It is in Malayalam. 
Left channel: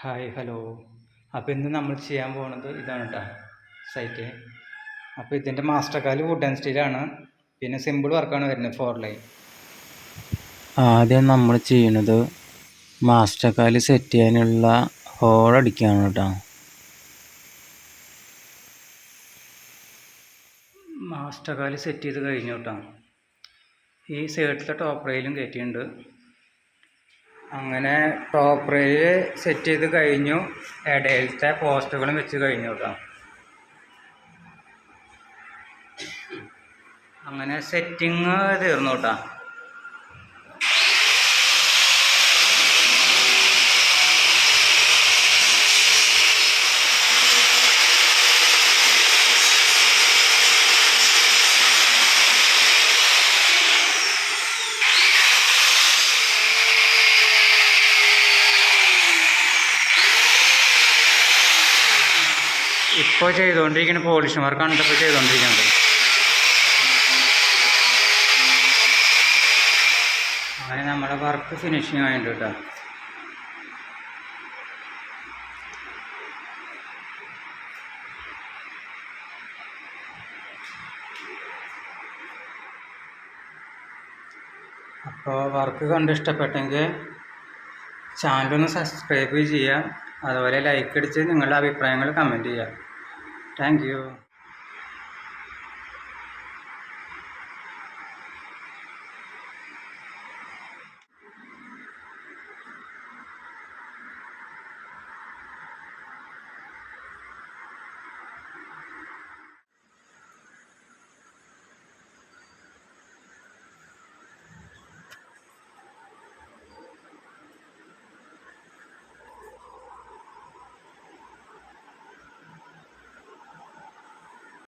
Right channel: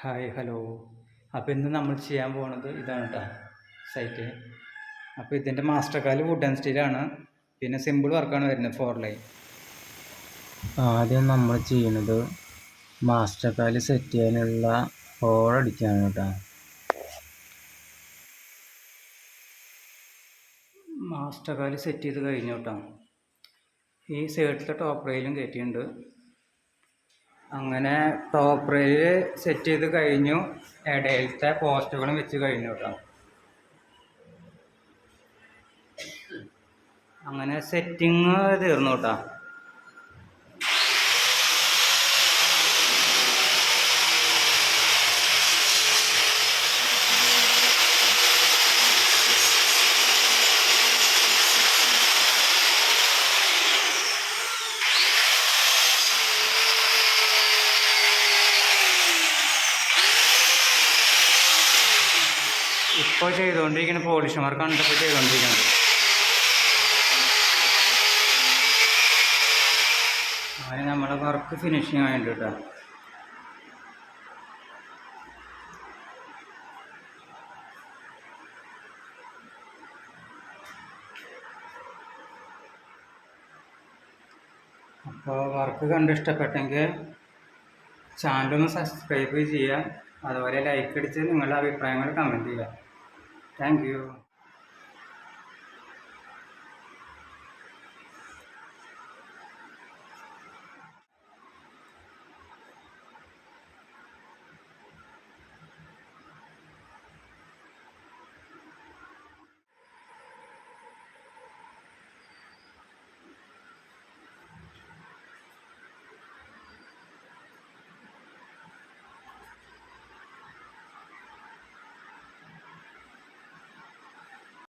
ഹായ് ഹലോ അപ്പോൾ ഇന്ന് നമ്മൾ ചെയ്യാൻ പോകുന്നത് ഇതാണ് കേട്ടോ സൈറ്റ് അപ്പോൾ ഇതിന്റെ മാസ്റ്റർ കാൽ വുഡ് ആൻഡ് സ്റ്റീലാണ് പിന്നെ സിമ്പിൾ വർക്കാണ് വരുന്നത് ഫോർ ലൈൻ ആദ്യം നമ്മൾ ചെയ്യുന്നത് മാസ്റ്റർ കാൽ സെറ്റ് ചെയ്യാനുള്ള ഹോൾ അടിക്കുകയാണ് കേട്ടോ മാസ്റ്റർ കാൽ സെറ്റ് ചെയ്ത് കഴിഞ്ഞു കേട്ടോ ഈ സൈഡിലത്തെ ടോപ്പ് റെയിലും കയറ്റിയിട്ടുണ്ട് അങ്ങനെ ടോപ്പ് റെയിൽ സെറ്റ് ചെയ്ത് കഴിഞ്ഞു. ഇടയിലത്തെ പോസ്റ്റുകളും വെച്ച് കഴിഞ്ഞു കേട്ടോ അങ്ങനെ സെറ്റിങ് തീർന്നു കേട്ടോ ഇപ്പോൾ ചെയ്തുകൊണ്ടിരിക്കുന്ന പോളിഷ് വർക്കാണ് ഇപ്പോൾ ചെയ്തുകൊണ്ടിരിക്കുന്നത് അങ്ങനെ നമ്മുടെ വർക്ക് ഫിനിഷിങ് ആയിട്ട് കേട്ടോ അപ്പോൾ വർക്ക് കണ്ട് ഇഷ്ടപ്പെട്ടെങ്കിൽ ചാനലൊന്ന് സബ്സ്ക്രൈബ് ചെയ്യുക. അതുപോലെ ലൈക്ക് അടിച്ച് നിങ്ങളുടെ അഭിപ്രായങ്ങൾ കമന്റ് ചെയ്യുക. Thank you.